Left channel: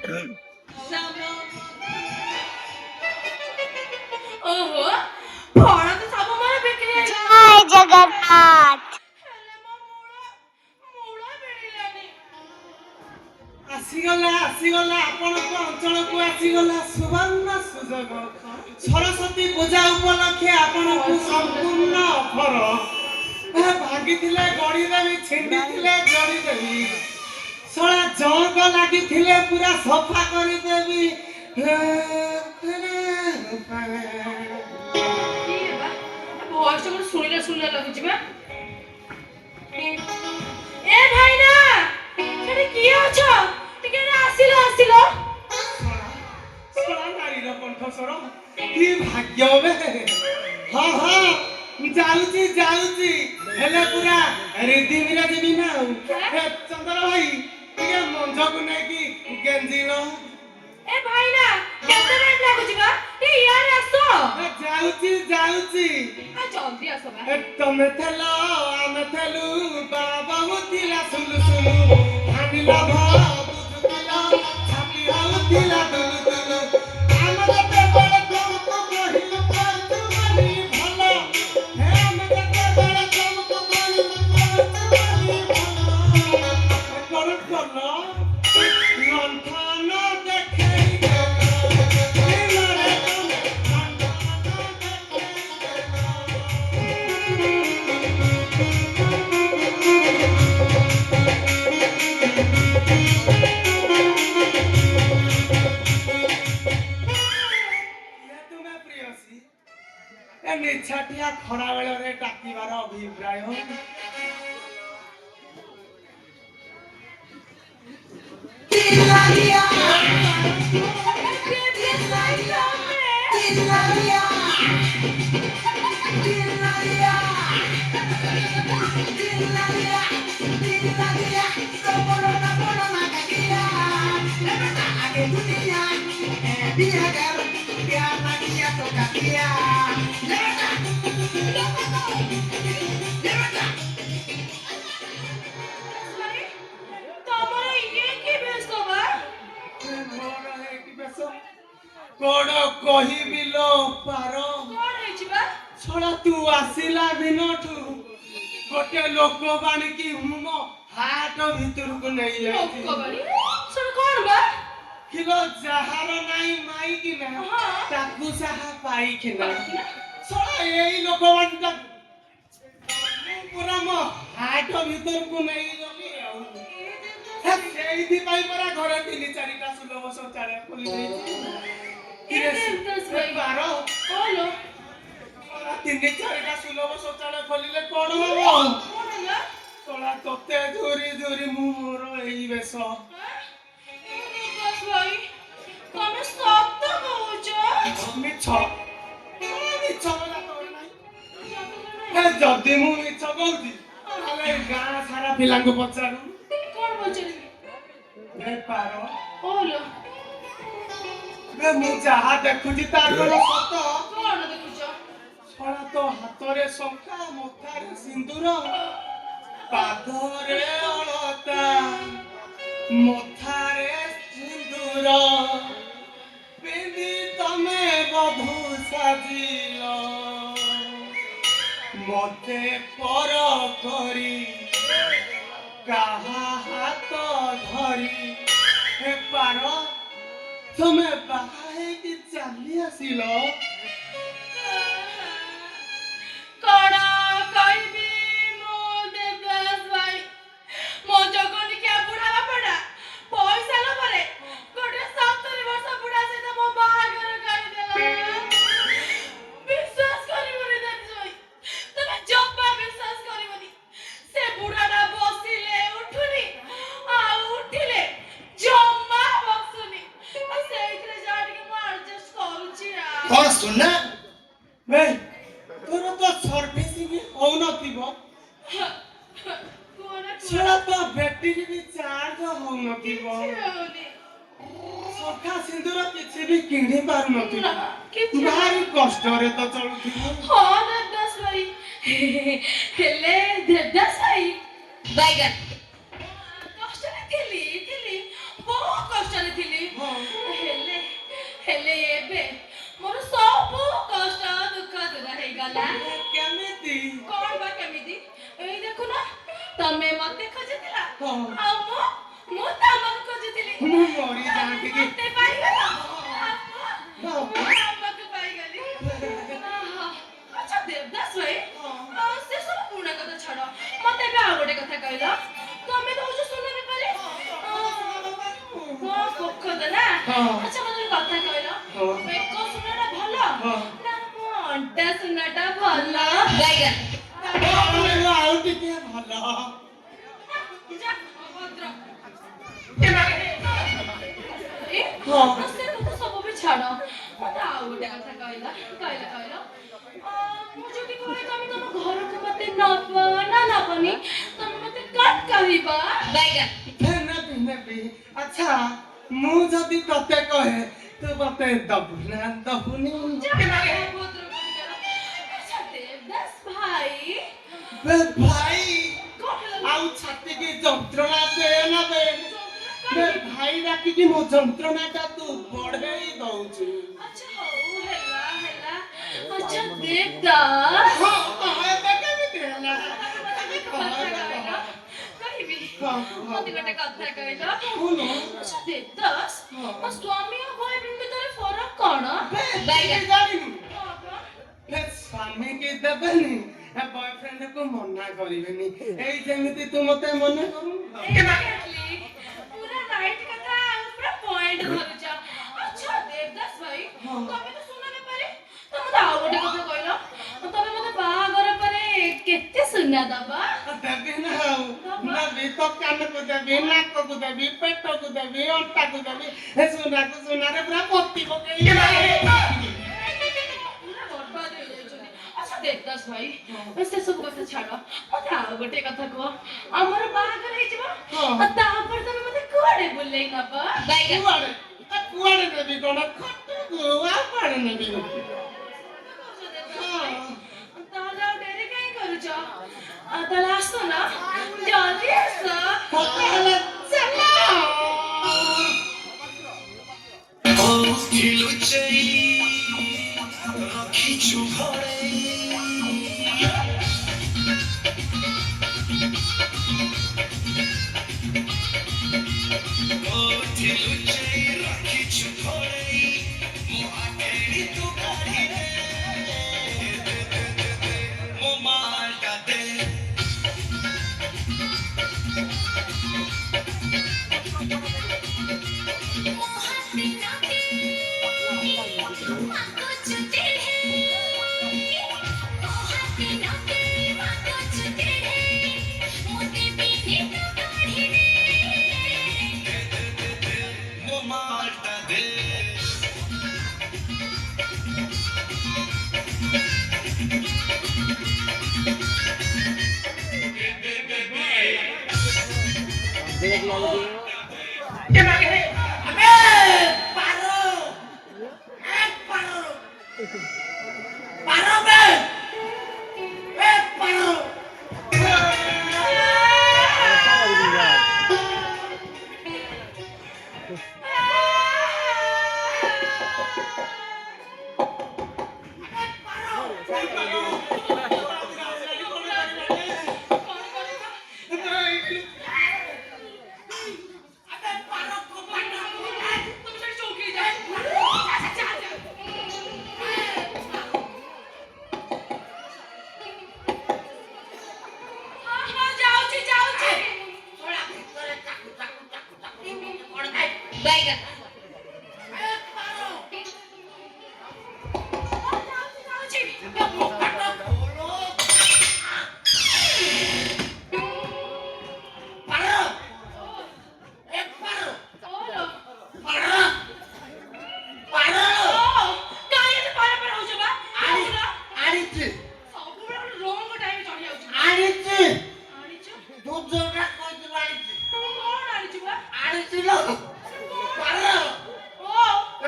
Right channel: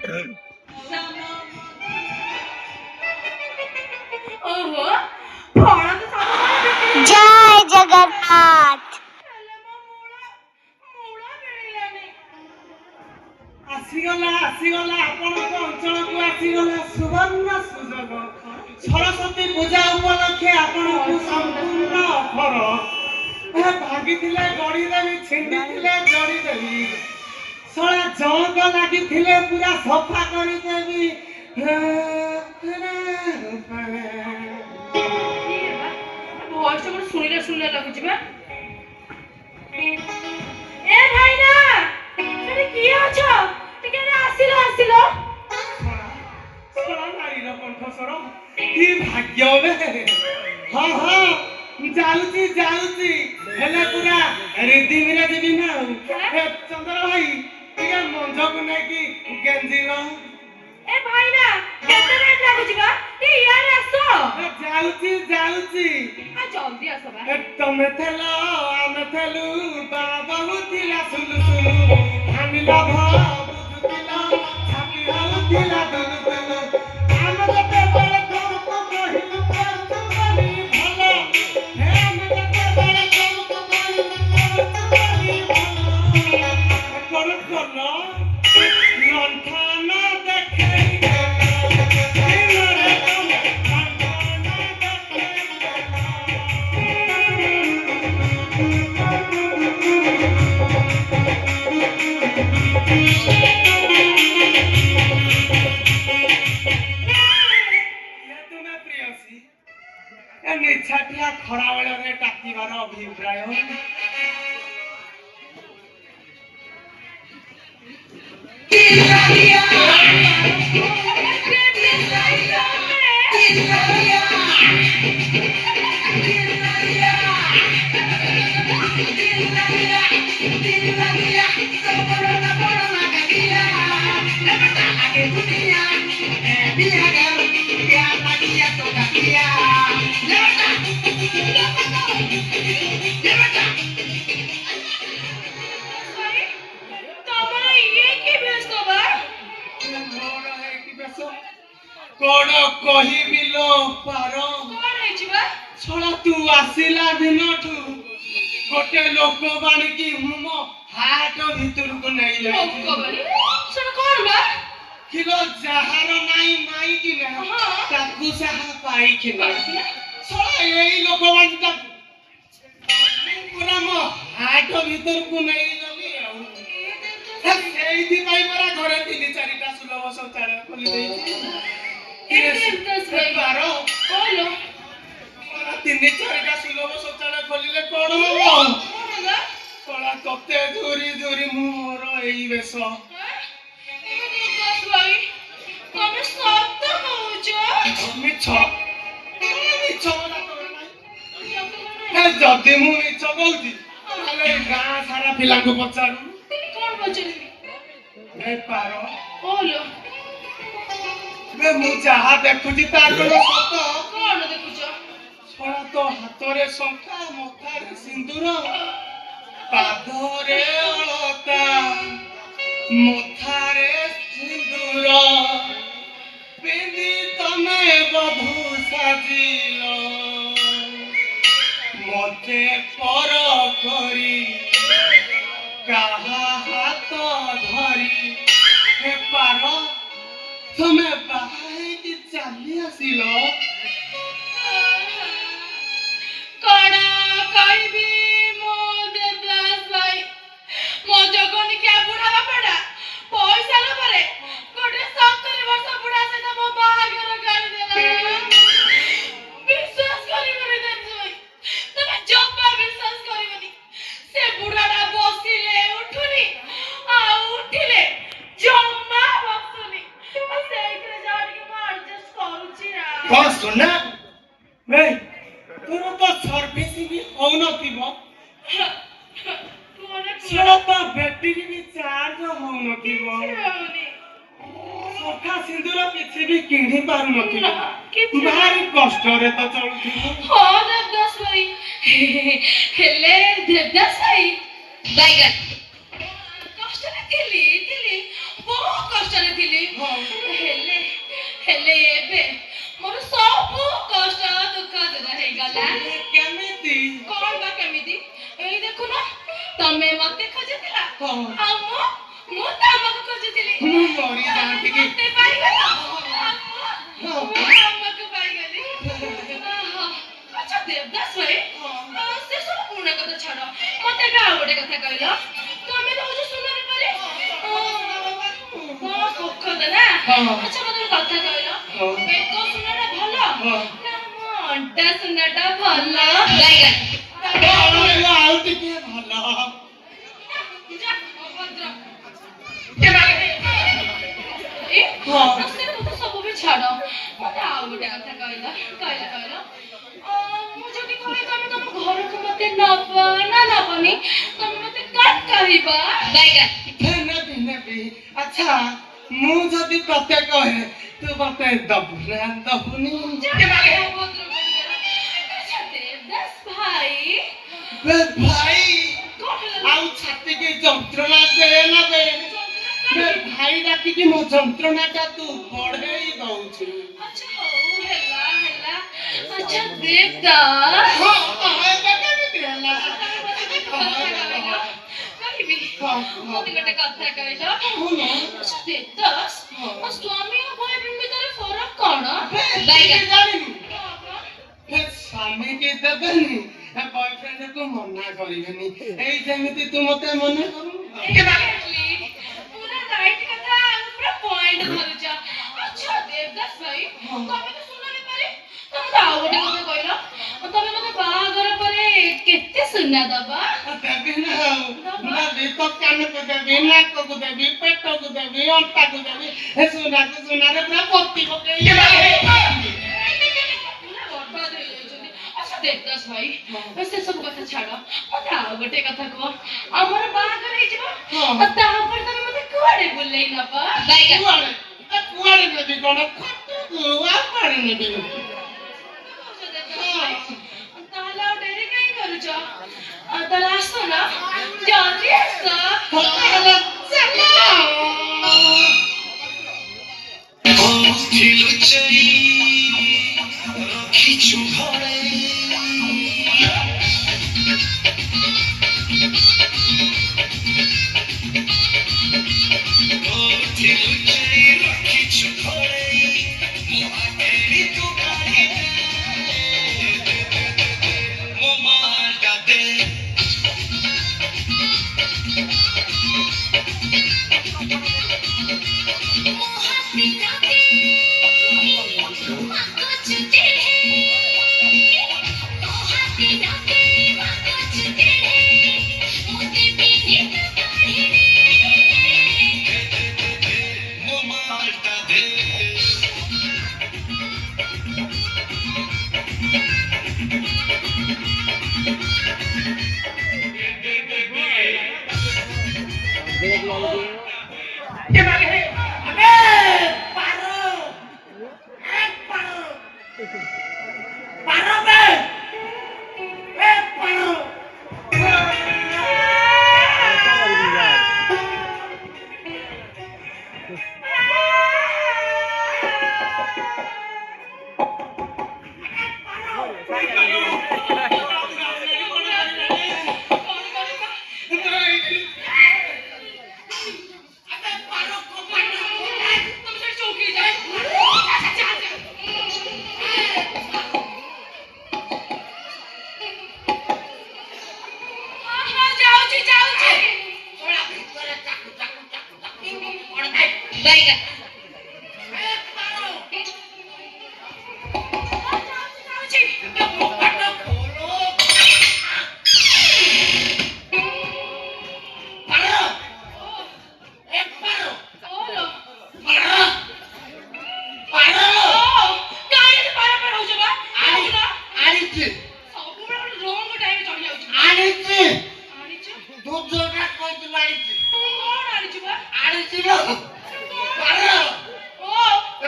ओहो फल तो सब बिक्री जय जगन्नाथ। ଆସିଗଲା ଆପଣଙ୍କ ଅଞ୍ଚଳକୁ ଆସିଗଲା ସୁବର୍ଣ୍ଣ ସୁଯୋଗ। ସରସ୍ୱତୀ ପୂଜା ଉପଲକ୍ଷେ ଆପଣଙ୍କୁ ସମ୍ପୂର୍ଣ୍ଣ ଅଫର। ଭାଗିଥିଲେ ଗଡ଼ିଦେବି, ଛିଣ୍ଡିଥିଲେ ଜଡ଼ିଦେବି, ଶଳା ଜଙ୍କ ଲାଗିଥିଲେ ପୁରା ସଫା କରିଦେବି। ଭଏସ ମୋର ଶୁଣିଲା ଲାଗୁଛି ବା। ଏ ଭାଇନା ସେଠି କିଏ ଅଛ? ଟିକେ ଆସିଲ। ଶଳା ନାରୀର କଣ୍ଠସ୍ୱର କି ଭାଗ୍ୟ ବେ। ହଁ ଯାଉଛି ହେଲେ ପୁରା ରିଦିମିରେ ଯିବି ନା ଆଉ। ଚନ୍ଦ୍ର ଭାଇ ଟିକେ ମଞ୍ଜକୁ ନେଇକି ଗେଞ୍ଜିର। ଏ ଭାଇନା କେତେ ରେଟ୍ ଲାଗୁଛି ବା? ଇଆଡେ ଆସ। ଯାଉଛି ଜଲ୍ଦି ଆସ ବା। ତମେ ଥେଲ ଆମେ ଥେଲୁ ବାବା ଥିଲା ସୁଲୁ ଭାଙ୍ଗିଲା ବୁଝୁଥିଲା ଛାତି ହଉଥିଲା ଦୁଲୁ ଆମେ ଯେତେବେଳେ ତମକୁ କହିଲୁ କରୁଛୁ ଭଲ। ଆମେ ଯେତେବେଳେ ତମକୁ କହିଲୁ କରୁଛୁ ଭଲ। ଲଣ୍ଠନ ଦେଖେଇ ନିଛାଟିଆ ଖରା ବେଳରେ ଡାକିବାର ଅଭିପ୍ରାୟ। କଣ କହିବି ଲୋ ପାର। ଶଳା ତୁ ଆସିଲା ଦିନଠୁ ଗୋଟେ ଲୋକ ବାଣିକି ମୋ ହାଟ ଭିତରକୁ ନେଇଯାଉଛି। କିଲୋ ଯାହାର ନାଇଁ ମାଇକିନା ତାକୁ ସାହା ପାଇକିନା। ଶଳା ଏଇ ଲୋକ ବାଣିଟା ପୁରା ମୋ ହାଟ ଭିତରକୁ ନେଇଗଲି ଆଉ। ସେଇଥିପାଇଁ ପରା ଘରେ 3-4ଟା ସୁଲଭ ଶୌଚାଳୟ ଖୋଲି ଦେଇଛି। 3-4ଟା ସୁଲଭ ଶୌଚାଳୟ ଖୋଲିଲେ କଣ ହବ? ଶଳା ତତେ ଧରି ମୁଁ ମୋର ଏଇ ବେଶ। ଯଦି ମୁଁ ମିଛ କହୁଛି ତାହେଲେ ଗାଁ ସାରା ପିଲାଙ୍କୁ ପଚାରୁ। ମୁଁ ଯାହା ଦେଖୁଛି ତାଙ୍କର ସତ। ଶଳା ତୋ ହାତରେ ଶଙ୍ଖା, ମଥାରେ ସିନ୍ଦୁର, ପାଦରେ ଅଳତା, ମଥାରେ ସିନ୍ଦୁର ପିନ୍ଧି ତମେ ବଧୂ ସାଜିଲ। ମତେ ପର କରି କାହା ହାତ ଧରି ପାର ତମେ ବାହା ହେଇକି ଚାଲି ଆସିଲ। କଣ ସୁନା ଭାଇ ତୋର ତ ସର୍ଭିସିଂ ହଉନଥିବ। ସେଟା ତ ବ୍ୟାଟେରୀ ବି ଚାର୍ଜ ହଉନଥିବ। ସଫା ସିନ୍ଦୁର କିଛି ବି କିଣି ପାରୁନଥିବ। ଭାରି କଷ୍ଟରେ ତ ଚଳୁଥିବ। ହେଲେ ଦେବଦାସ ଭାଇ କଷ୍ଟରେ ଥିଲି ବହୁତ କଷ୍ଟରେ ଦେଖିଲି ହଁ। ହେଲେ ହେଲେ ଏବେ ମୋର ସବୁ କଷ୍ଟ ଦୁଃଖ ଦୂର ହେଇଗଲା। କେମିତି? କଣ ବା କେମିତି? ଏଇ ଦେଖୁନ ତମେ ମତେ ଖୋଜୁଥିଲ ହଁ। ଆଉ ମୁଁ ତମକୁ ଖୋଜୁଥିଲି। ମୁଁ ମରି ଯାଆନ୍ତି କି? ମତେ ପାଇଗଲ ହଁ। ମୁଁ ତମକୁ ପାଇଗଲି। ଆଚ୍ଛା ଦେବଦାସ ଭାଇ ସେ ସବୁ ପୁରୁଣା କଥା ଛାଡ଼ ମତେ ଏବେ ଆଉ ଗୋଟେ କଥା କହିଲ ତମେ ତ ହଉଛ ସୁନ୍ଦରୀ ପରି ପୋଖତ ନା ହଁ। ଆଚ୍ଛା ମତେ ଗୋଟେ କଥା କହିଲ ହଁ। ବେକ ସୁନାଟା ଭଲ ହଁ। ନା ମୋ ଅଣ୍ଟା ସୁନାଟା ଭଲ? ଆଉ ଟିକେ ଭଲ। ଯା, ଅଭଦ୍ର। ହଁ। ସେ କଥା ସବୁ ବି ଛାଡ଼ ମତେ ଆଉ ଗୋଟେ କଥା କହିଲ ମୁଁ ଯଦି କହେ ତମେ ତମ ଘରକୁ ମତେ ନବ ନା ନବନି ତମେ ମତେ କଣ କହିବ? ନେବି। ଆଚ୍ଛା ମୁଁ ଯଦି ତତେ କହେ ତୁ ମତେ ଦବୁ ନା ଦବୁନି? ଆଚ୍ଛା ଦେବଦାସ ଭାଇ ଭାଇ କଣ ହେଲା? ଆଉ ଛାତିକି ଯନ୍ତ୍ରଣା ଦେ ନା ଦେ ଭାଇ ଡାକିକି ମୋ ଯନ୍ତ୍ରଣାଟା ତୁ ବଢେଇ ଦଉଛୁ। ଆଚ୍ଛା ହଉ ହେଲା ଆଚ୍ଛା ଦେବଦାସ କହିବି ମତେ ଗୋଟେ କଥା କହିଲ ଆଚ୍ଛା ଦେବଦାସ ସ୍ୱାମୀ ଆଉ ବୟଫ୍ରେଣ୍ଡ ଭିତରେ ଫରକ କଣ? ସ୍ୱାମୀ କି ଦେବେନି ବୟଫ୍ରେଣ୍ଡକୁ ମନା କରିବେନି ଏଇ ଯେମିତି ତୁ ମତେ ମନା କରୁ। ପୁରା ରାଇଟ୍ କଥା ପୁରା ପଏଣ୍ଟ ଧରୁଛ। ଆଚ୍ଛା ଦେବଦାସ ଭାଇ ତମେ ତ ସୁନାରେ ପାରେ ତମେ ଆଉ ଗୋଟେ କଥା କହିଲ ତମେ ମତେ ବାହାଘର ପରେ କେତେ ସୁନା ଦବା? ଦେବି ନା ଆଉ ଦେବି ତ କାନକୁ ଦେବି ନାକକୁ ଦେବି ପେଟକୁ ଦେବି ଅଣ୍ଟାକୁ ଦେବି ସୁନାରେ ପୁରା ପତି ପକେଇ ବର୍ବାଦ ହେଇଯାଉଛନ୍ତି। ଆଚ୍ଛା ଦେବଦାସ ଭାଇ ସେ ସବୁ କଥା ଛାଡ଼ ମତେ ଆଉ ଗୋଟେ କଥା କୁହ ଆମର ବାହାଘର ହେଇଯିବ ତାପରେ ତମେ ମତେ କୁଆଡେ ବୁଲେଇ ନବ? କୁଆଡେ ନେବି କଣ ଖଟକୁ ଆଉ କୁଆଡେ ନେବି? ତାହେଲେ ଆଉ ଡେରି କାହିଁ କରୁଛ? ତାହେଲେ ଆସ ନା ଜଲ୍ଦି ଆସ।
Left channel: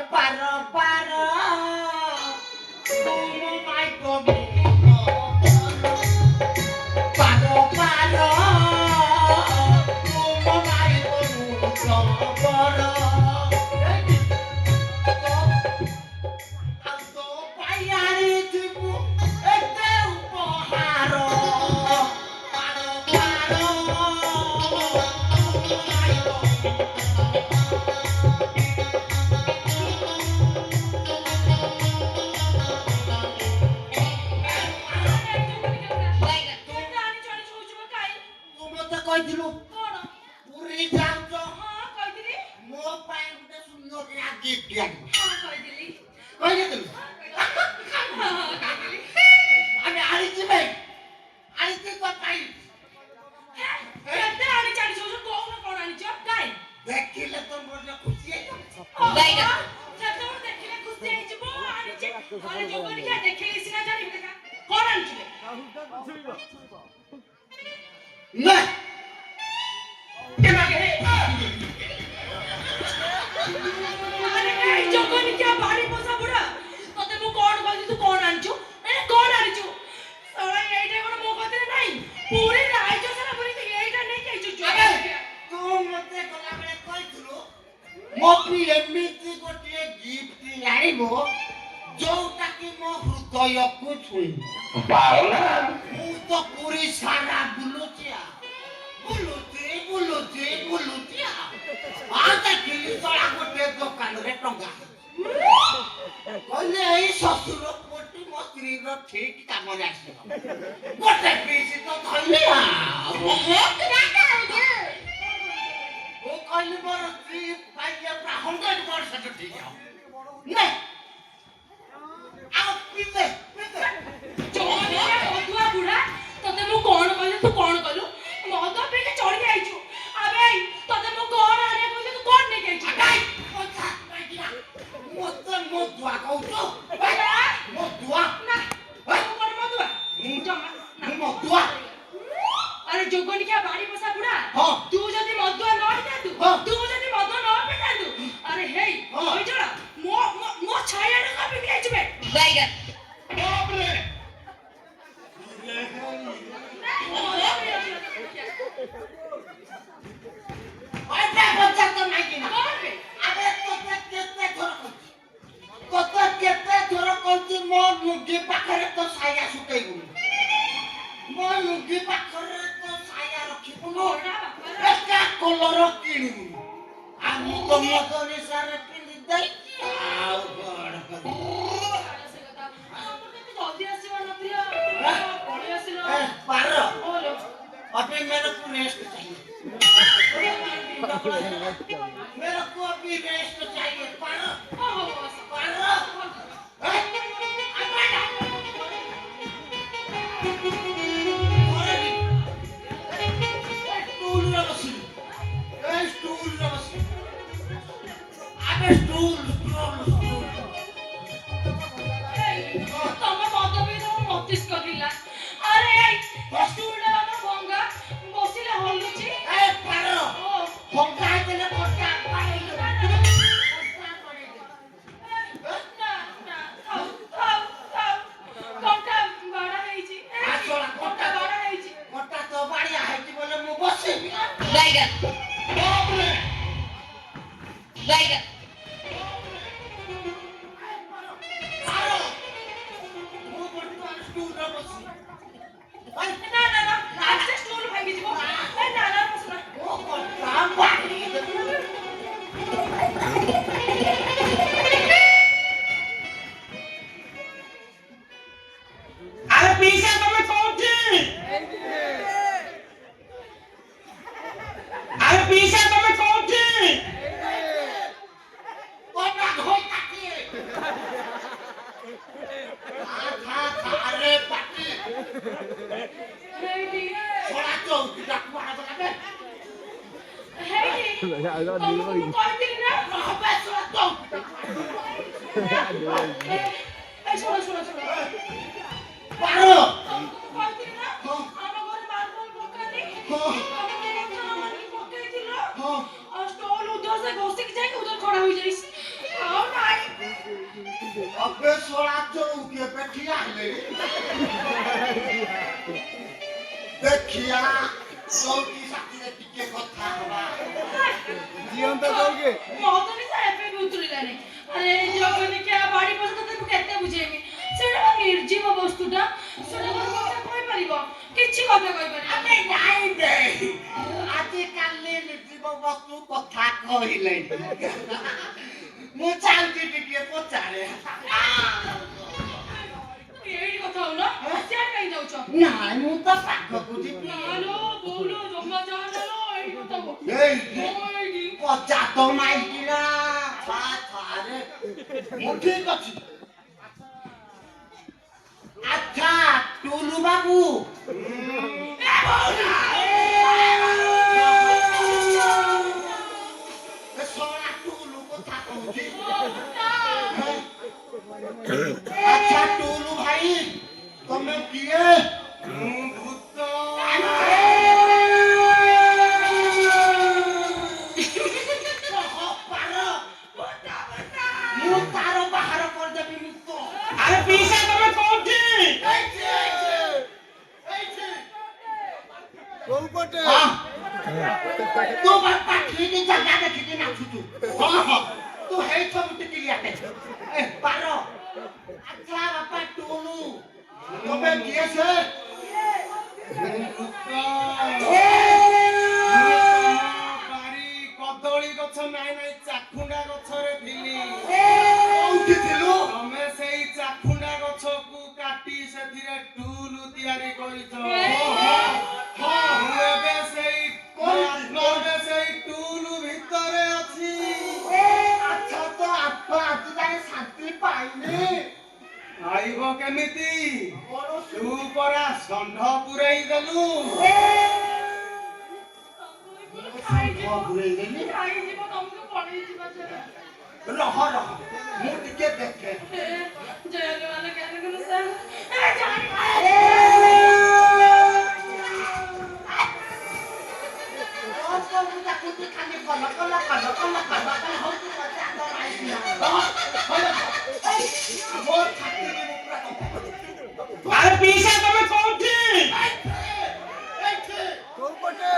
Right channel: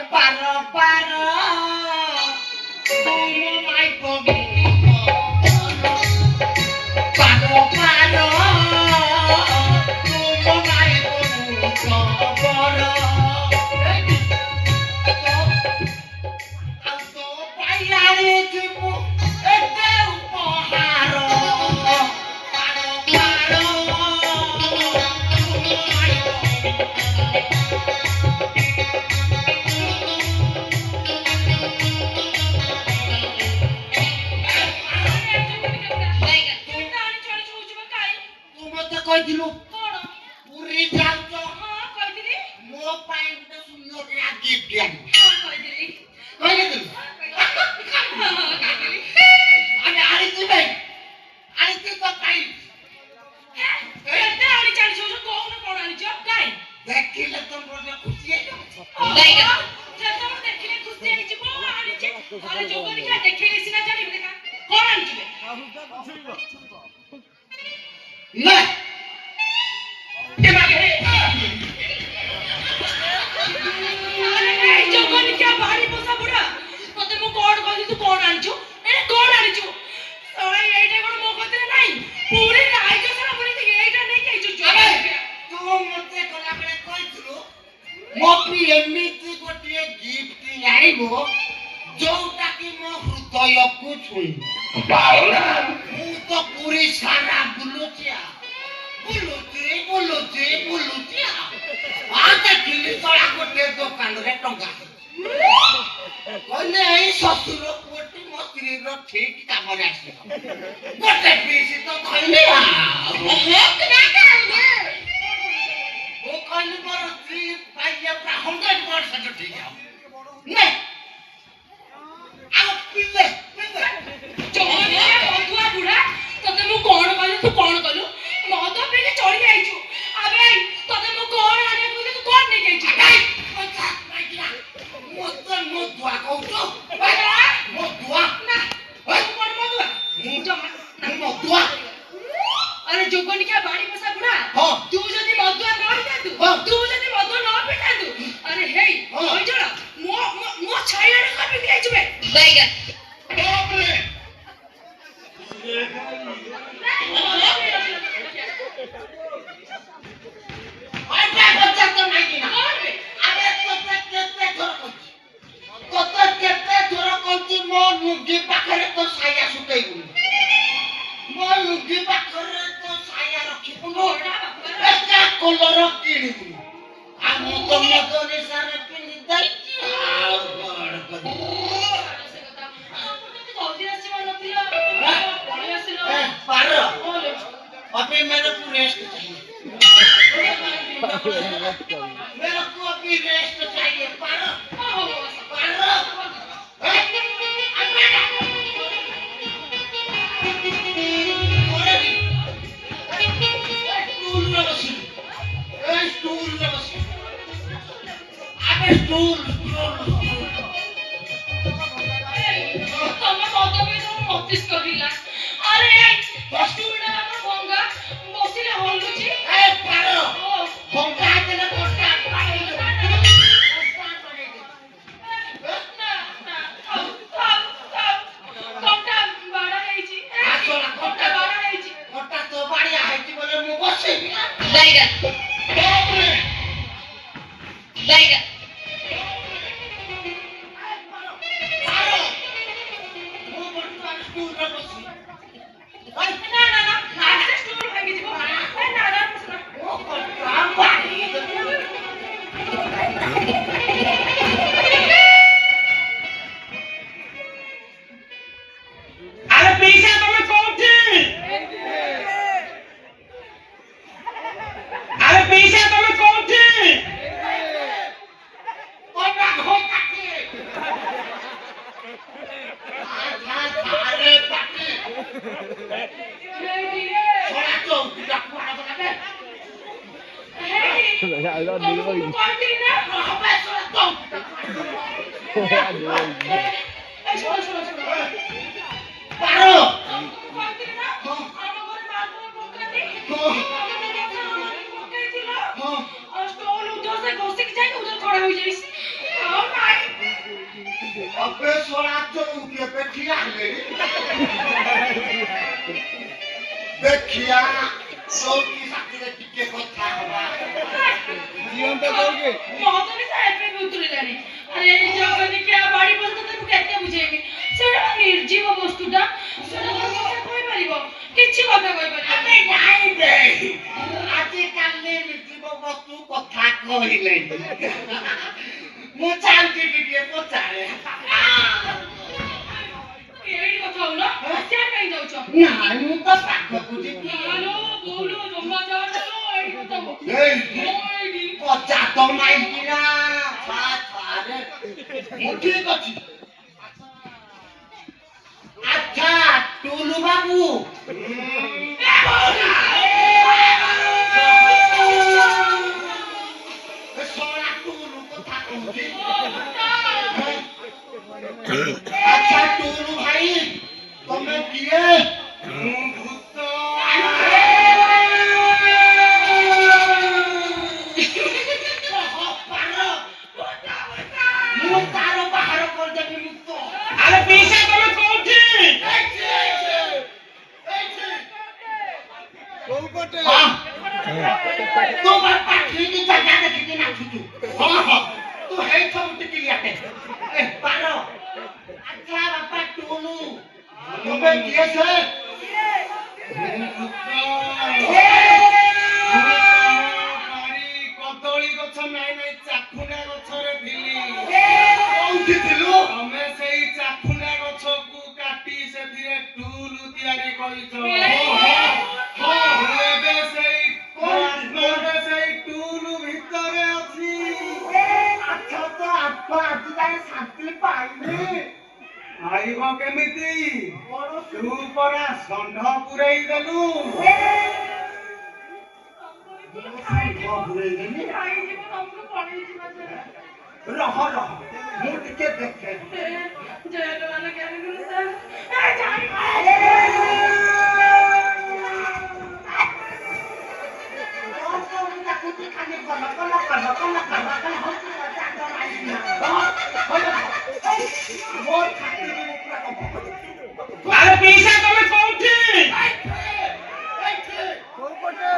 Para, para, como vai comer? କହିଥିଲୁ କଣ? ପୁରୀ ଯାଉଛ ହଁ କହିଥିଲି। ମୋ ପାଇଁ ଗୋଟେ ସୁନ୍ଦର ଗିଫ୍ଟ ଆଣିବୁ ହଁ କହିଥିଲି। କହିଦେଥିଲୁ ଆମେ ଆଣିଛୁ ଭାଇ ଆଣିଛୁ ତ ପାଇଁ କେତେ ଆଣିଛ ଆଣିଛ କହୁନ କଣ ଆଣିଛ? କାଇଁ? ଦେଖିଲେ ତ ମୋର ଖୁସି ହେଇଯିବ ସେତେବେଳେ ଦେଖିଲେ ଖୁସି ହେଇଯିବ ଆଣିଛି। ଆରେ ଯୋଉ କରିକି ଦେଖିଲେ ସିନା ଜାଣିବି ଦେଖା। କଣ ଆଣିଥିଲେ? ନା ଆରେ ଯୋଉ କରିକି ଭାରି ପୋଷା ବୁଢା ତତେ ମୁଁ କଣ କହିଲି ତୁ କଣ ଆଣିଛୁ? ଏଇଟା କଣ ଆଣିଛୁ? ଏଇଟା କଣ ମୋ କତିରେ ନାହିଁ? ପୁରୀ ରାଇଜ ସାରା ପୁରୀ ଏଇଟା ନେଇକି ଆଇଛୁ ତୁ ମତେ ଗଲାବେଳେ କହିଥିଲୁ ମୋ ପାଇଁ ଏମିତି ଗୋଟିଏ ଗିଫ୍ଟ ଆଣିବୁ ଯୋଉଟା କି ମୋ ହୃଦୟକୁ ଛୁଇଁବ ମୁଁ ତ ପୁରୀ ସାରା ବୁଲୁଛି ଦେଖିଲି ତଳା ଗୋଟେ ଦୋକାନରେ ଟଙ୍କା କହିଲେ ଏଇ ଶ୍ୱଶୁର ପୁଅଟି ମୋ ସ୍ତ୍ରୀର ଠିକ କାମରେ ଆସିବ ଗୋଟେ ପିସି ତ କହିଲି ମୁଁ କହିଲି ମୋର ସ୍ତ୍ରୀ ପାଇଲେ 100% ଠିକ ହବ ନା ଆଉ ପିଲେ ଅଧୁଆ ବୁଢା ତତେ ମୁଁ କଣ କହିଲି ତୁ କଣ କଲୁ? ମଦ ପିଇକି ଚଢି ଯାଇଛୁ। ଆବେ ତତେ ମୁଁ କଣ ଆଣିବାକୁ କହିଲି ତୁ କଣ ନେଇକି ଆଇଛୁ? ମତେ ମୋ ଦୁଆ କହୁଛୁ ମୋ ଦୁଆ ନା ତୁ କଣ ମଦୁଆ? ଜମା ନା ମୋ ଦୁଆ ଆରେ ଯୋଗନିକା ବାଡି ପୋଷା ବୁଢା ହଁ। ତୁ ଯଦି ମଦୁଆ ନ ହେଇଥାନ୍ତୁ ହଁ। ତୁ ଯଦି ମଦ ନ ପିଇଥାନ୍ତୁ ଆରେ ହେଇ ହଁ। କହିଛଡ଼ା ମୋ ଛାଇଆରେ କାପିକି ଯାଇଛୁ ବେ ବାଇଗା ମୋ ଲୁଙ୍ଗି ପାଖରେ ତ ସାୟା ଶୁଖେଇବୁନି ମୋ ଲୁଙ୍ଗି ପାଖରେ ତ ସାୟା ରଖିବୁନୁ ଏକା କଲର କିଣିବୁନି ଆଉ ମୁଁ ତ ମଦ ନିଶାରେ ପିନ୍ଧି ଦେଇଛି ଆଉ କଣ କରିବି पार अभी मेरे को रेस्ट चाहिए मेरे को अभी रेस्ट चाहिए पार ତମେ ମଦ ପିଇ ମତିଷ୍କ କରିଲା। ଆରେ ସ୍ଟୁଲଟା ଆମର ଭଙ୍ଗା ବସିଲେ ହଲୁଛି। देखिया चौकी साथी टिके कथा हवा जीवन तो कहोगे मौतरी साहेब पे भी उतरिलानी अरे जगनी के बाड़ी पर तो तू केते बुझेबी सेटा निर्जीव वस्तुटा सेटा तो কথা কই পারিব কিছু কথা কই পারিব ଆମେ ନାଇଁ ଦେ ଆଜି କାଲି ନିର୍ଜୀବ ବସ୍ତୁ କଥା କହିଲେ ମୁଁ ଚାହୁଁଛି ଟିକେ ପଚାରେ ଏଇଠି କଥା ହଉନ ସିଆଡେ କାଇଁ ଯାଉଛ ନାଇଁ ମୁଁ ତ ପାଖକୁ ଯିବି ନାଲୋ ବୋଉଲୋ ଜମା ଯାଅ ହାତ ମାଇକିନା ଥାରେ ମୁଁ ଠିକ ଅଛି ଆଚ୍ଛା ଟୁଲୁ ବାବୁ ଶଳା ଟୁଲୁ କଥା କହୁଛି ଆଚ୍ଛା ଟୁଲୁ ଭାଇ ତମେ କିଏ ମୁଁ ଭୂତ ମୁଁ ତାର ବାହାର କରିଦେବି ମୁକ୍ତ ଆରେ ପିଇସା ତମେ କୋଉଠି? କୋଉ ପଟେ? ତୁ ବାପା ଠିକ ଜାଗା ଦେଖିକି ନାଚୁଛୁ ହଁ ତୁ ହେଇ ସବୁ ଟିକିଲିଆଟେ ପାର ଆଚ୍ଛା ବାପା ଟୁନୁ ତମେ କିଏ ସେ କଦଳୀ ଗଛ ନାଇଁ ନାଇଁ ଚାଖୁଣ୍ଡା ଗଛରେ ଥିଲି କୋଉଠି ଥିଲୁ ତମେ ସେଇ ଚାଖୁଣ୍ଡା ଗଛକୁ କାଟି ସେଥିରେ ଟୁଲ ତିଆରି କରିଛ ଏବେ ସେଇ ଟୁଲ ଭିତରେ ଅଛି ଆଚ୍ଛା ତ ଆପା ଆଜି ଯାଏ ଶାନ୍ତି ପାଇନି ଖାଇବ କେମିତି ତୁ ପରା ଷଣ୍ଢ ପୁରେଇ ଦେଲୁ ରହ ମୁଁ ଟିକେ ଦେଖେ ଆରେ ପିଇସା ତମେ କୋଉଠି? କୋଉ ପଟେ?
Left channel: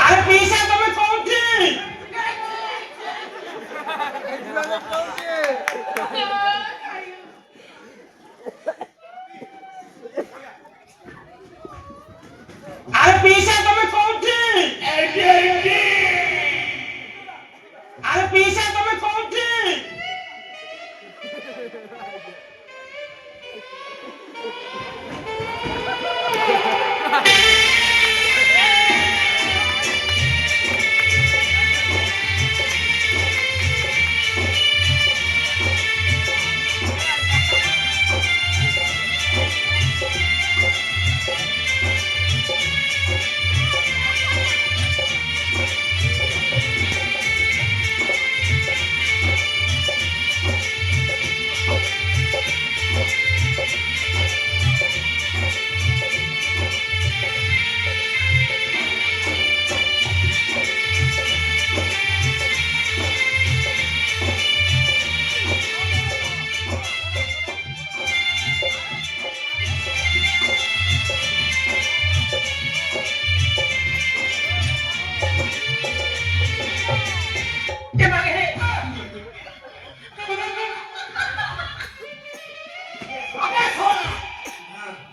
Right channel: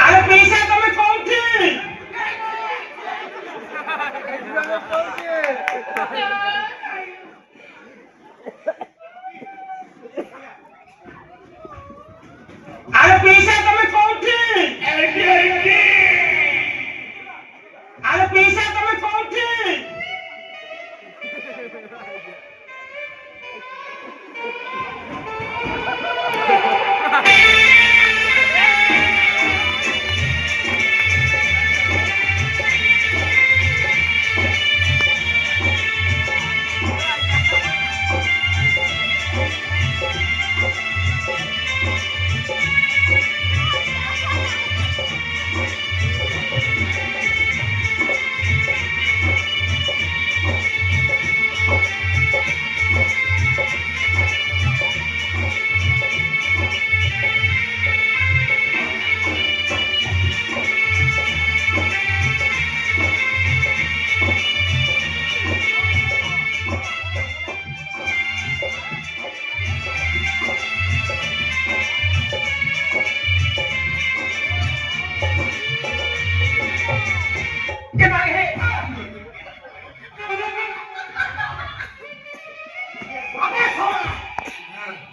ଆରେ ପିଇସା ତମେ କୋଉଠି? ଆରେ ପିଇସା ତମେ କୋଉଠି? ଆରେ ପିଇସା ତମେ କୋଉଠି?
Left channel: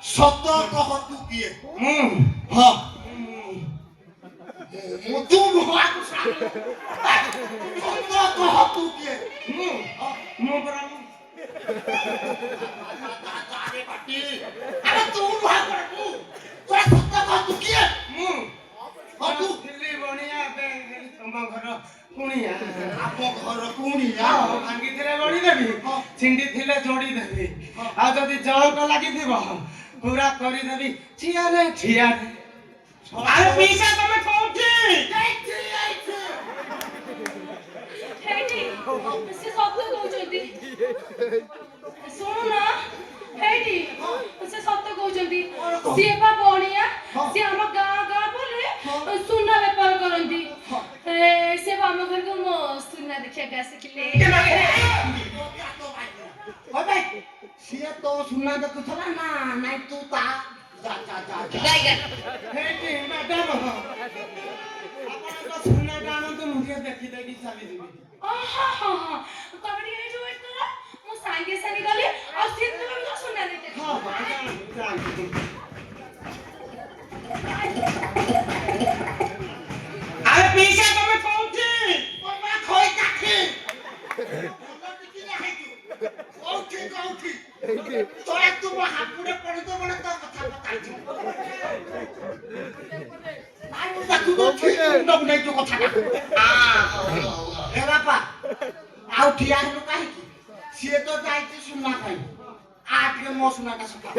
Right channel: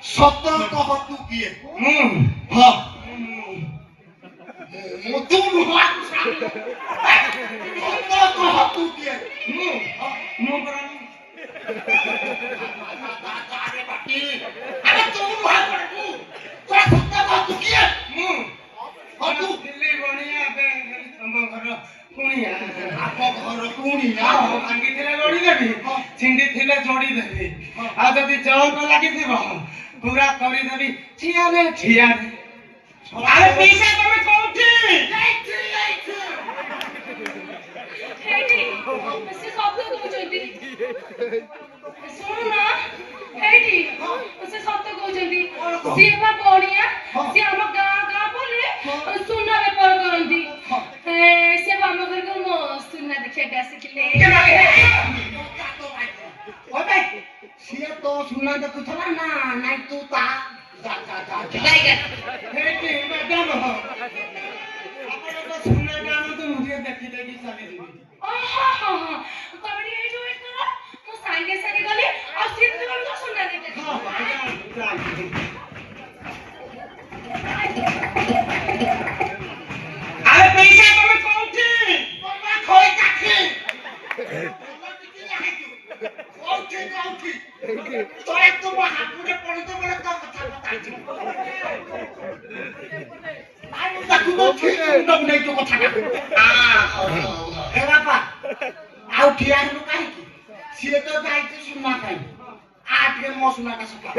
ସତ କହ ତୁ କିଏ ମୁଁ ହଁ ତୁ ନୁହଁ ସତ କହ ତୁ କିଏ ମୁଁ ପରା ଆରେ ତୁ ନୁହଁ ସତ କହ ତୁ କିଏ ମୁଁ ତୁ ଦିଲ୍ଲୀ ବଣିଆ ତମ ଘର କୁଣିଆ ଆମ ଘର କୁଣିଆ ଭାଙ୍ଗିଥିଲେ ଗଢିଦେବି ଛିଣ୍ଡି ଥିଲେ ଯୋଡିଦେବି ଆଉ ଯଦି ଜଳକ ଲାଗିଥିବ ପୁରା କରିଦେବି ଠିଆରେ ଠିଆରେ ଆରେ ପିଇସା ତମେ କୋଉଠି? ସେ ଶବ୍ଦ କହୁଛନ୍ତି ଶୁଣୁନା ଏଇଠି ସେ ସତ କହୁଛନ୍ତି ସିଏ ବା ବଣିଆ ସିଏ ଆମ ଗାଁ ବୁଲି ସୁନା ବେପାର କରନ୍ତି ସେ ଆମ ଘରକୁ ମୋ ସୁନା ଦେଖିବାକୁ ଆସିଥିଲେ ସିଏ ତ ସୁନା ଦେଖୁଥିଲା ନା ନାଇଁ ତୁ ତା ହେଇଟି ମ୍ୟାଡାମ ଆପଣଙ୍କ ସୁନାଟା ଆଣନ୍ତୁ ମୁଁ ଟିକେ ଦେଖିଦେବି ଚାଲିଯିବି ତମେ ଏଇଠି ୱେଟ୍ କର ମୁଁ ସାଙ୍ଗେ ସାଙ୍ଗେ ଗଲି ଆଉ ସେମିତି ବେଳକୁ ସୁନା ଦେଖିବାକୁ ଆରେ ପିଇସା ତମେ କୋଉଠି? ହାବୁଡେ ପଡିଯିବ ବୋଲେ ତୋ କଥା ପଚାରିଯିବ। ନାଇଁ ମୁଁ ତାକୁ ଠିକ ମୁଣ୍ଡକୁ ନେଇ ତୋ କଥାଟା। ଏ ବାପା ଆଉ ଠିଆ ହେଲୁ କାହିଁକି? ସିଏ ତ ଯାଇଛି ସୁନା ପାଇଁ। ଆ ଟିକେ ମୋ ସୁନାଟା ଶୁଖା।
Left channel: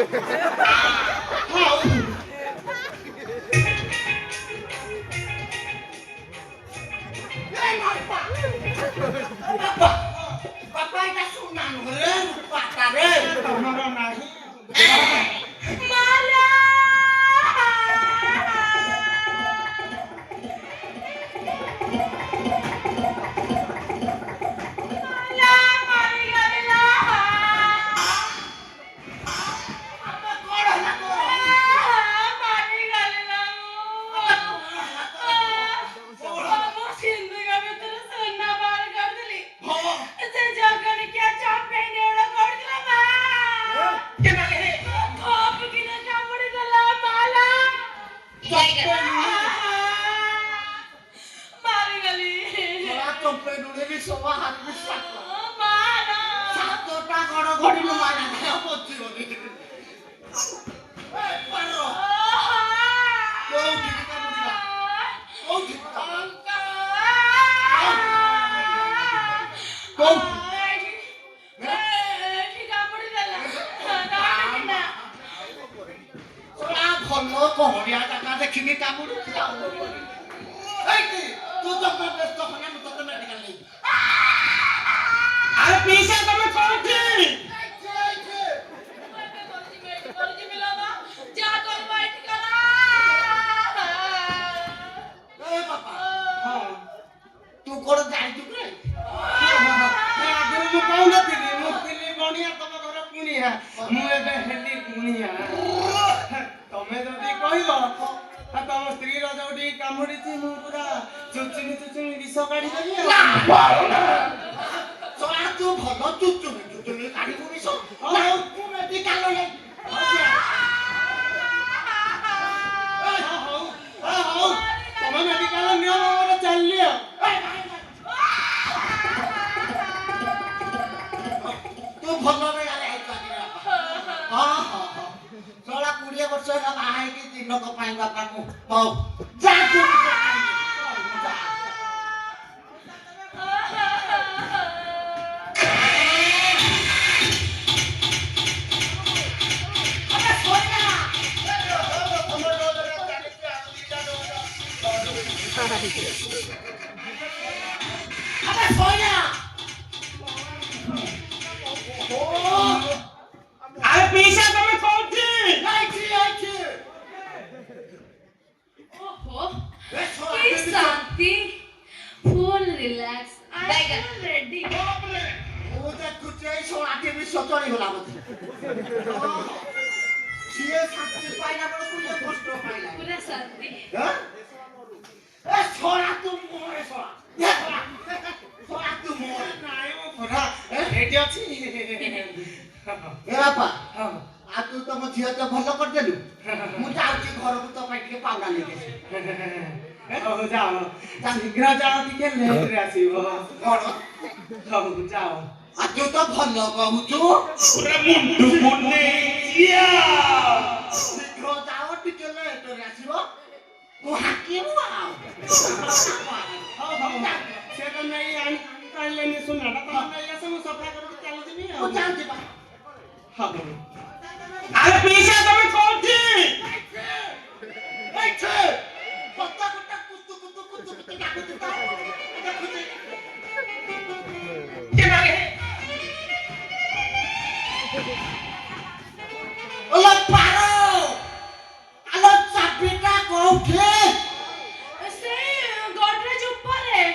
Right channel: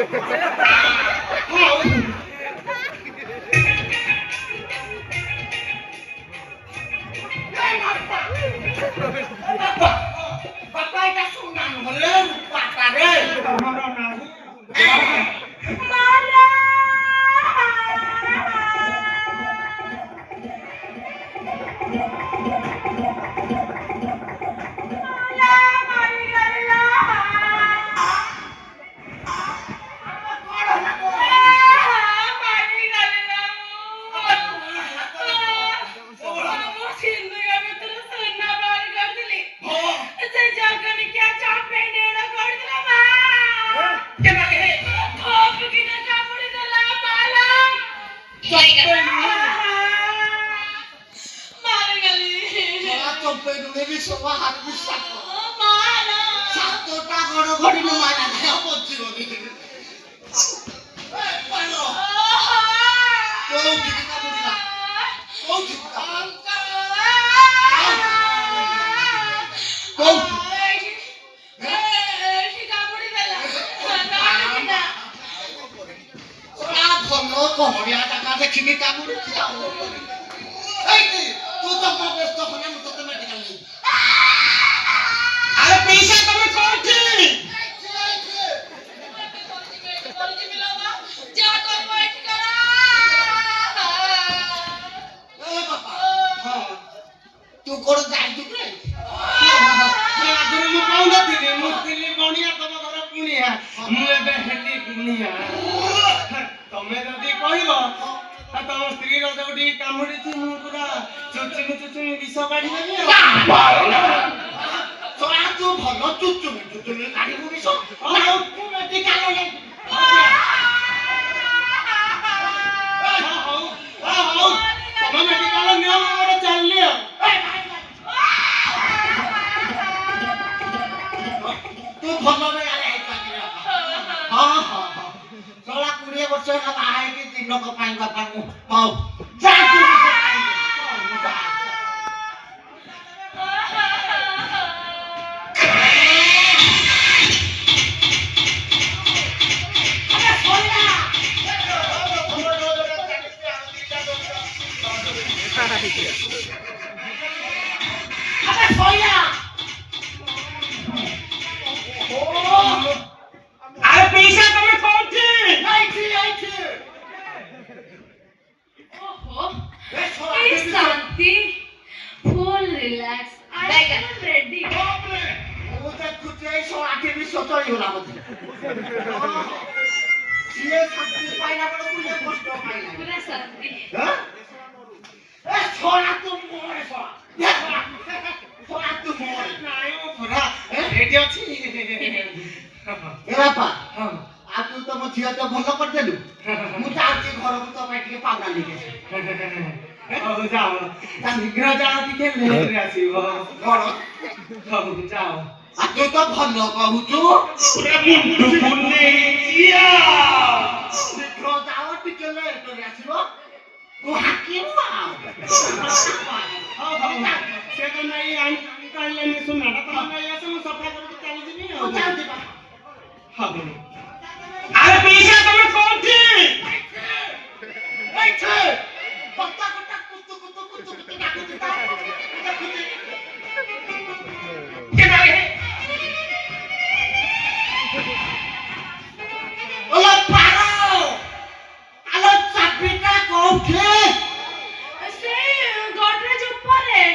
ବାପା এটা ସୁନା ନହେଲେ ପାଟାରେ ତମର ନାହିଁ ଦେଖିନି କାମୁଡୁଛି ଆଉ ତୁ ତ ବ୍ୟସ୍ତ ଖୋଲା ମୁଁ ତତେ ମେଡିକାଲ ନେଇବି। ଆରେ ପିଇସା ତମେ କୋଉଠି? ତୁ କୋଣ ଯାଇଛୁ କି? ଆଗରୁ ମୁଁ କହୁନଥିଲି ମୁଁ ଥିଲି ବଣିଆ ତମ ଘର କୁଣିଆ ମୁଁ ଏବେ ହେଲି କୁଣିଆ। ତମେ ଯଦି କହିବ ତମ ସ୍ତ୍ରୀର ଯୋଉଠି କାମୁଡିଛି ମୁଁ ପୁରା ଚୁଚୁମି ବିଷ କାଢିଦେବି। ତୁ ଭଲ ଚୁଚୁମି କାଢିବୁ ବିଷ। ହଉ ତୁ ମେଡିକାଲ ହଉ ତମ ମେଡିକାଲ ନିଅ ମୋର ଚାଲିଲି ଆଉ। ତୁ ଭଲ ବେଳାରେ ହେଇପାରିବ। ହଁ 20 ବର୍ଷ ହେଲା ବାହା ହେଇକି ଦିନକ ପାଇଁ ବାପା ମୁଁ ହଉ ଯା ତୁ আরে পিসা তুমি কোউঠি? शांति full relax I am ready. पूरा शांति ରେଡି ଅଛି। ତୁ ତମ ଝିଅ ତ ଭଲ କରିଦେଲୁ। ମୁଁ ଯାଉଛି ଘରକୁ ତୋ ପାଇଁ ଟିକେ ପାଉନା ନେଇକି ହଉ ଯାଅ ଶୀଘ୍ର ଯାଅ ଟିକେ ଲେଟରେ ଆସିବ। କଣ ହଉ ଯାଅ। ତୁ ତ ଭଲ କହୁଛୁ। ମୁଣ୍ଡୁ ମୁନେଇଆ ଶୀଘ୍ର ଯାଅ ଟିକେ ଲେଟରେ ଆସିବ। ତୁ ହାକିବୁ ଆଉ ସେ ତ ନାଇଁ ଆଣି ପାରିଲେନି ସୁନାଟା ତମ ନେଇ ଆସ ମୁଁ ସଫା କରିକି ଚାଲିଯିବି ଆଉ। ହଉ ଆରେ ପିସା ତମେ କୋଉଠି? से गोदरेज ऊपर है।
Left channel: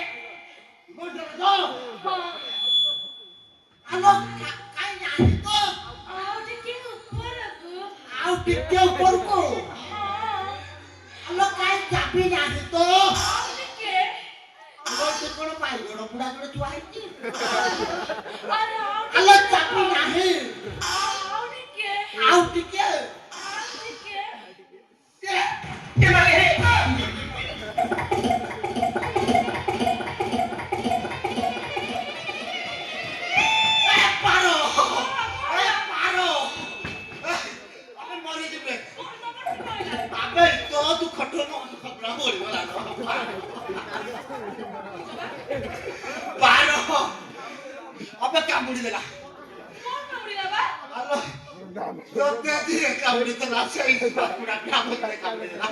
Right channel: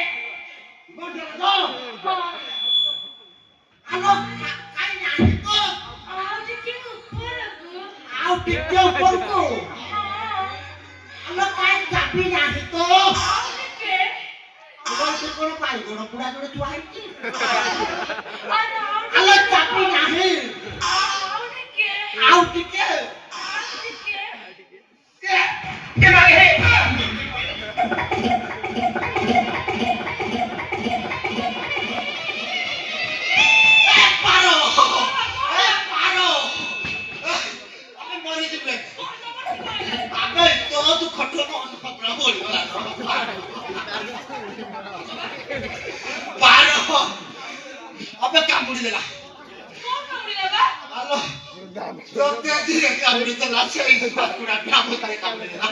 ଆଉ ଟିକେ ଉପରକୁ ଆଲୋ କାଇଁ ଚାପି ନାହିଁ ତ ଆଲୋ କଣ ପାଇ ଗୋଡ଼ ପୁଡ଼ା ଗୋଡ଼ ଥୁଆ ହେଇଛି ଆଲୋ ଚାପି ନାହିଁ ଆଉ ଟିକେ ପଡ଼ିଗଲା ବାର ଅବେ କାମୁଡ଼ି ଦେଲା କଣ କାମୁଡ଼ିଲା ବା? ତୋତେ ଧୀରେ କାମୁଡ଼ି ଦେଲା ସେଇ କୁକୁଡ଼ା କାମୁଡ଼ି ଦେଲା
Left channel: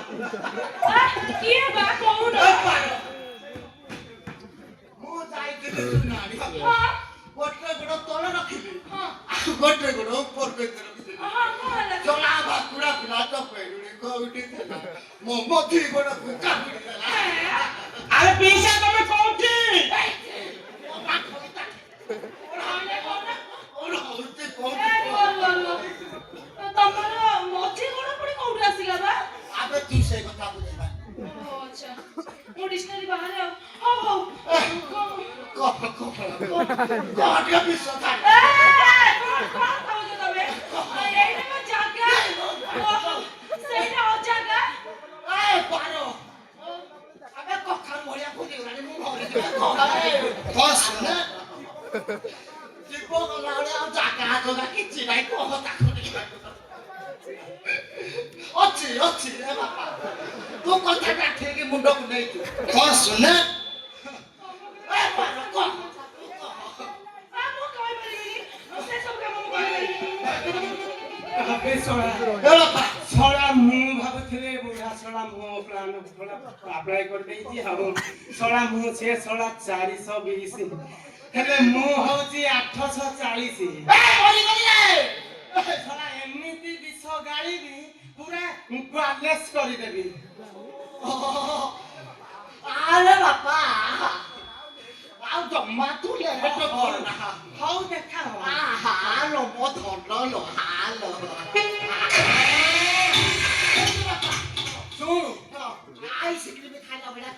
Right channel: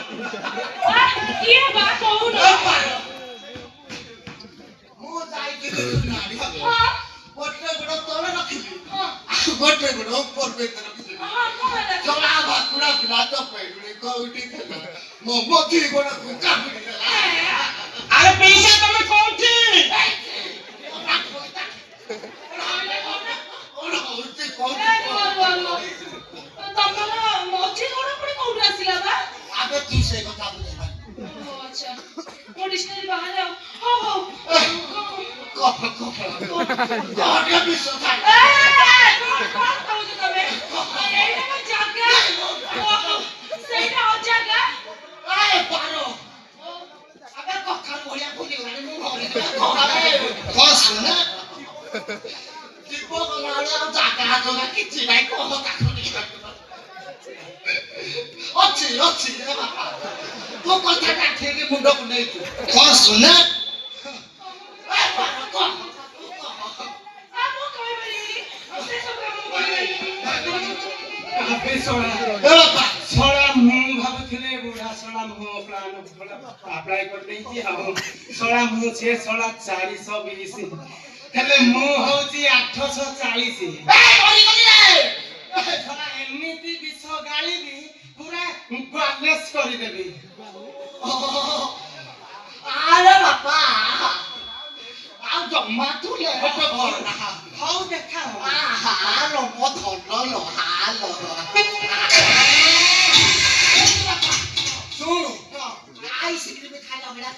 କିଏ ବା କହୁନ? ମୁଁ ଯାଇଥିଲି ଆଣିବାକୁ ହଁ ଗୋଟେ ଗୋଡ଼ ତଳେ ରଖିବି ହଁ ଆଉ ଗୋଟେ ଗୋଡ଼ ଉପର ବେତରେ ରଖିବି ହଁ କଣ ହେଲା? ଚଳା ଭାକୁଡ଼ା ପିଲା ତ ପେଡୁଣି କୋଉଠି ଥିଲା ମୋ ମଧି ଗୋଡ଼କୁ କାମୁଡ଼ି ଦେଲା ଆରେ ପିଇସା ତମେ କୋଉଠି? କଣ ହଉଛି ଏ କହୁଛି ଭଲ ଭଲ। ତମର ମଝି ଗୋଡ଼ ପୁଣି କୋଉଠୁ ଆସିଲା ବା? ଆବେ ତୁ ସେ କଥା ବୁଝିବା ଓ ଆଚ୍ଛା ମୋ ଡିକ୍ସନାରୀ ବାହାରେ ଆଉ ହଉ ହଉ କଣ ବିଷ ଥାଏ କଣ କହୁଛ ତମେ? ଏଇଟା ମୋ ଜାଗା। ସେଇଟା ଅଜାଗା। ଏ ପାର ଆବେ କଖାରୁ ଭଳିଆ ଫୁଲିଗଲାଣି ମୁଁ ମରିଯିବି ବସ ନା ଜୀବ ଗଲାବେଳେ ଆଉ ଜାଗା ଜଗା କିଛି ନାହିଁ କହ ତାକୁ ଅଛି ଅଛି ରେ ବାପା ତୋ କଥାଟା ଠିକ ମୁଣ୍ଡକୁ ନେଇଛୁ ବସ ନା ଏ ପାର କହ ମୁଁ କହିପାରିବିନି। ସେ ସବୁ କାମ କରିପାରିବିନି। ଆବେ ଶଳା ଏ ବାପା ଶଳା ମୁଁ ଭାବୁଥିଲି ବୁଢା ଶଳା ମୁଁ ପ୍ଲାନ୍ ଆପ୍ଲାଏ କରିଦେଇଛି ଆଉ ଶଳା ମୁଁ ସେ ଶଳା 420 ହେଲେ ମୁଁ ହଉଛି 840 ଶଳା ଏମିତି ବିଷ ଗାଳିବି ପୁରା ବାଲେଶ କରିଦେବି ଆରେ ବାପା ଆଉ ଜମା ତୁ ଲେଟ କରନା ହଉ ଦେଖା ହବ ହାଲୋ ମୋ ଧନ ଲୋ ହାଲୋ ଶୁଣୁ ଆଇସ୍କ୍ରିମ ଖାଇଲା ଭଳିଆ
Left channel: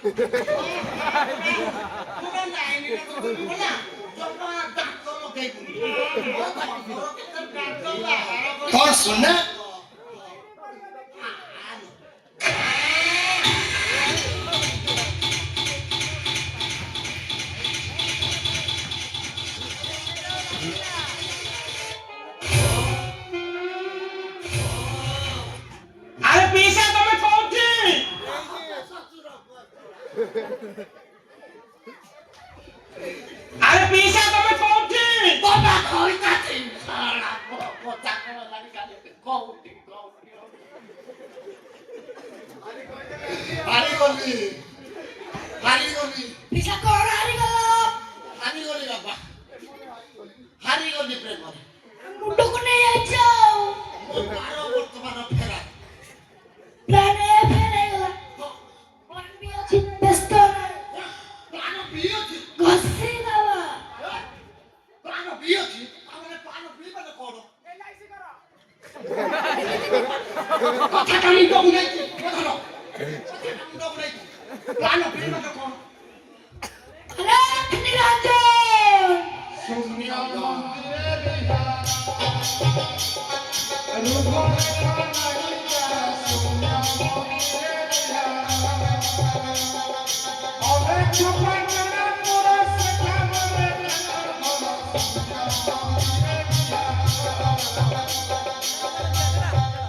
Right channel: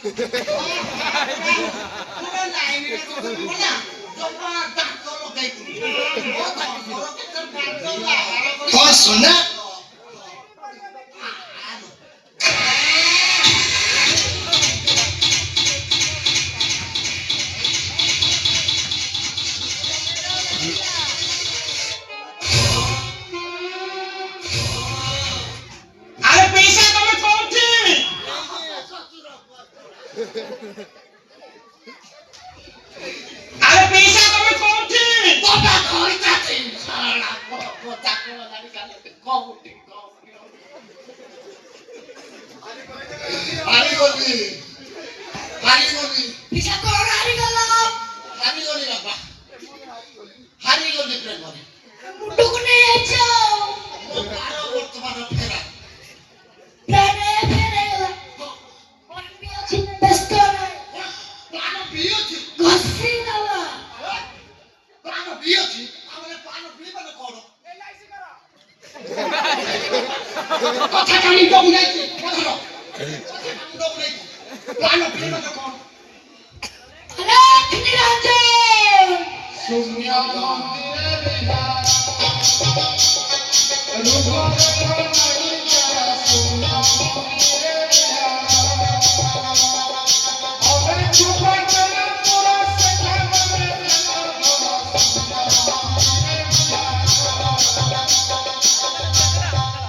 ପୁରା ଲାଇନରେ ତୁ ନା ଜମା ଦାନ୍ତ ଲଗେଇବୁ ମୋ ଧନର କେତେ ଦାନ୍ତ ବସ ନା ଆରେ ପିଇସା ତମେ କୋଉଠି? ଆରେ ପିଇସା ତମେ କୋଉଠି? ବାବା କହିଥାନ୍ତି ଶଳା ମୋ ଚାକର ଜାଣି କାଲି କୋଉଠି ହାରିଗଲି ପିଛା କଣ ହାରିଗଲ? ହାରିଗଲି ବାବା ହାରିଗଲି ପ୍ରେମରେ ମୁଣ୍ଡକୁ ନେଇ ଯାଇଛ। ବର୍ତ୍ତମାନ ଫେରା ପ୍ରାଣ ଫେରାଇଗଲା। ପ୍ରାଣ ବି ଅଛି ବ୍ୟସ୍ତ ନାହିଁ। ପ୍ରାଣ ପିଉଛି ଘଷି ଦେବା। ପ୍ରାଣ ପିଉଛି ଆମେ ପ୍ରାଣ ପିଇବାରେ କଣ କଥା କାଲି ଡବୁନାଇଛି ବୁଝିଲ କଥା କାଲି ଡବୁନାଇଛି ପ୍ରାଣ ପିଇବାରେ କଣ ଲକ୍ଷ୍ମୀ ରଞ୍ଜନ। ଶୂନ୍ୟ ମନ୍ଦିରେ ବିହାର